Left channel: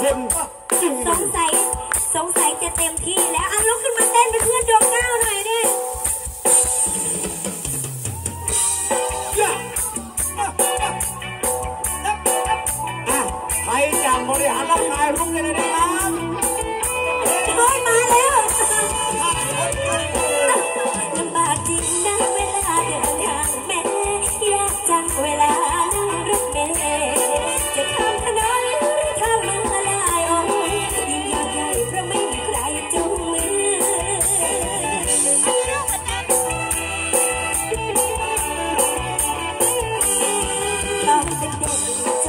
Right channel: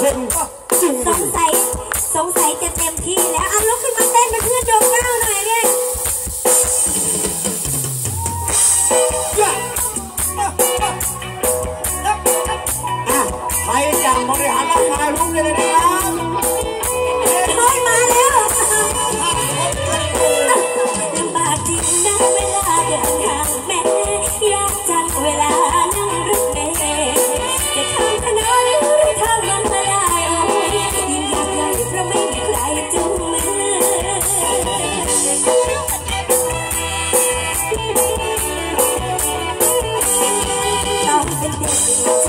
คนจูสงสัยสงสัยจะเต็มที่แล้ว เอาลุกขึ้นมาเต้นเป็นเพื่อนดวงดาวหน่อยดิอะใครจะบริหารร่างกายลุกเลยนะครับ ចង់ទៅទៀត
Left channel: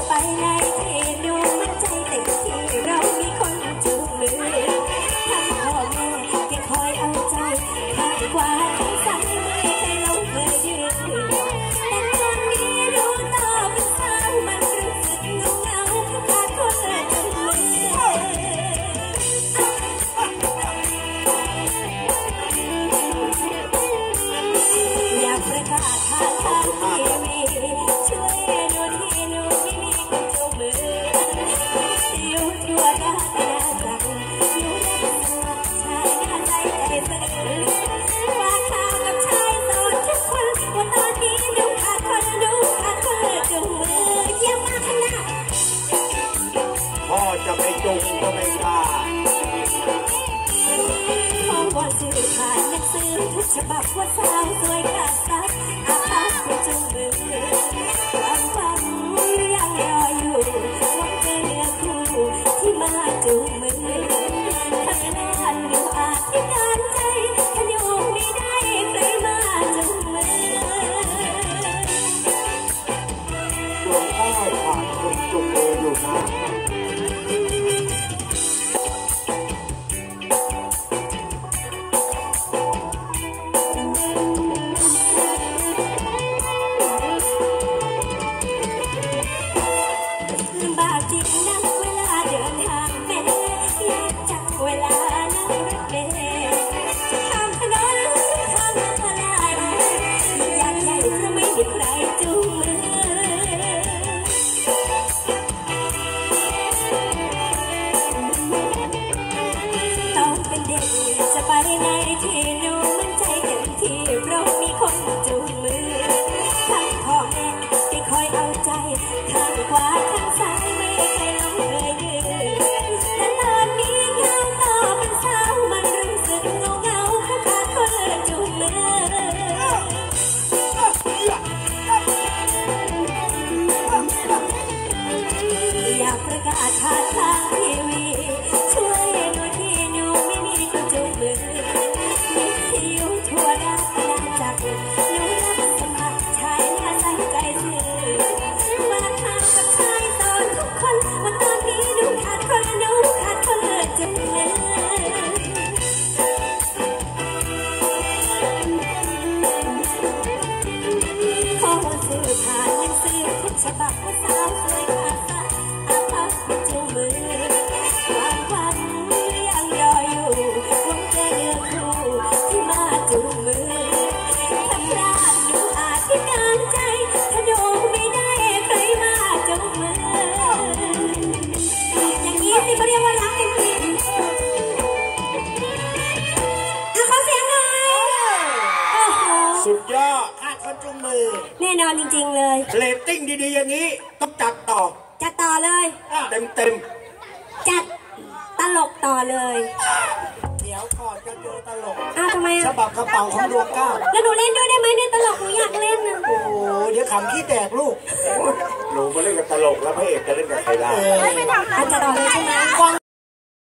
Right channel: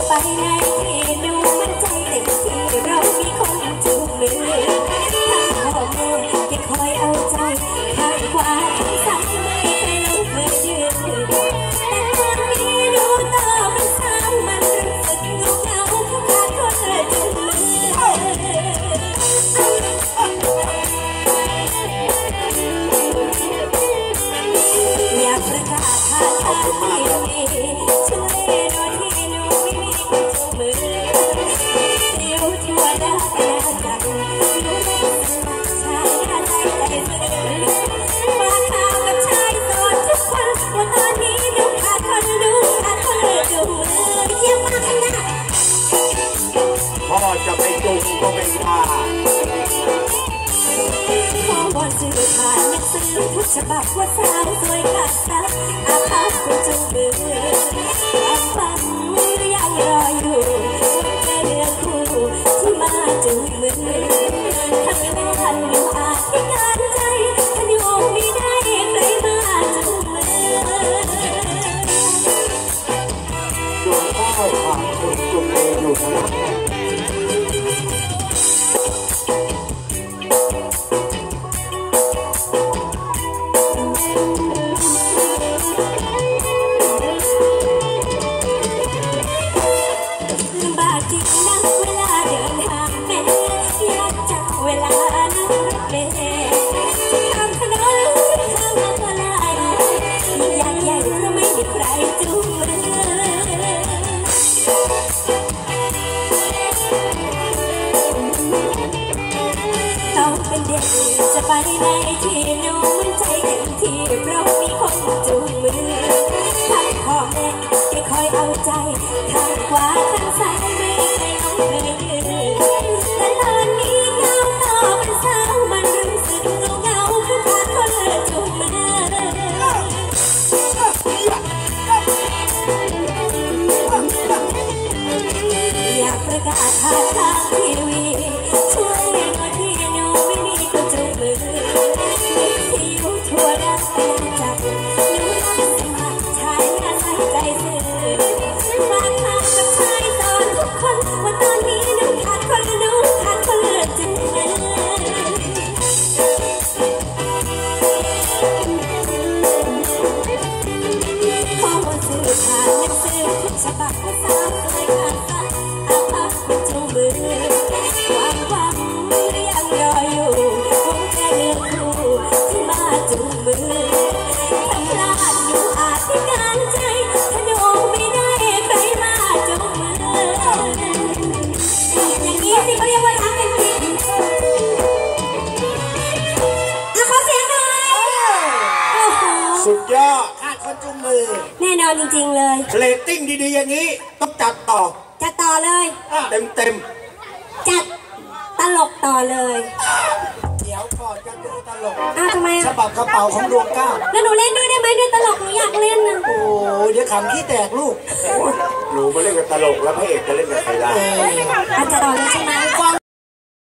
ទៅណា ฉบับว่าสาวสวยขาดซับอาภาพคนจูงมือ ต้องเป็นเด็กจะไปในที่หนูมันใจเต็มที่เพราะมีคนจูงมือทั้งพ่อแม่ที่คอยเอาใจข้างขวาข้างซ้ายไม่เคยลงเคยยืนแต่ตอนนี้ก้าวต่อเป็นสาวมันรู้สึกเงาเงาๆเพราะขาดคนจูงมืออยากประกาศผ่านทางทีวี ยอดขาดคนจูงมือ แน่นอนจริงๆเลย เรตติ้งดีๆอย่างนี้ ต้องจัดต่อ จัดต่อเลย เต็มเต็มจัดตลกต่อเลยๆเดี๋ยวก่อนจะดูตลก อ้าวทำไมฉอะบับกระเป๋าของดวงเก้าแล้วหนูเล่นด้วยได้ไหมด้วยตลกหนูอยากเล่นนะโอ้โหเดี๋ยวขำขี้แตกลูก หนูมาเล่นกับตลกแล้วพระเอกจะเล่นกับใครได้ อาจจะต่อเลยใช่ไหม ฟัง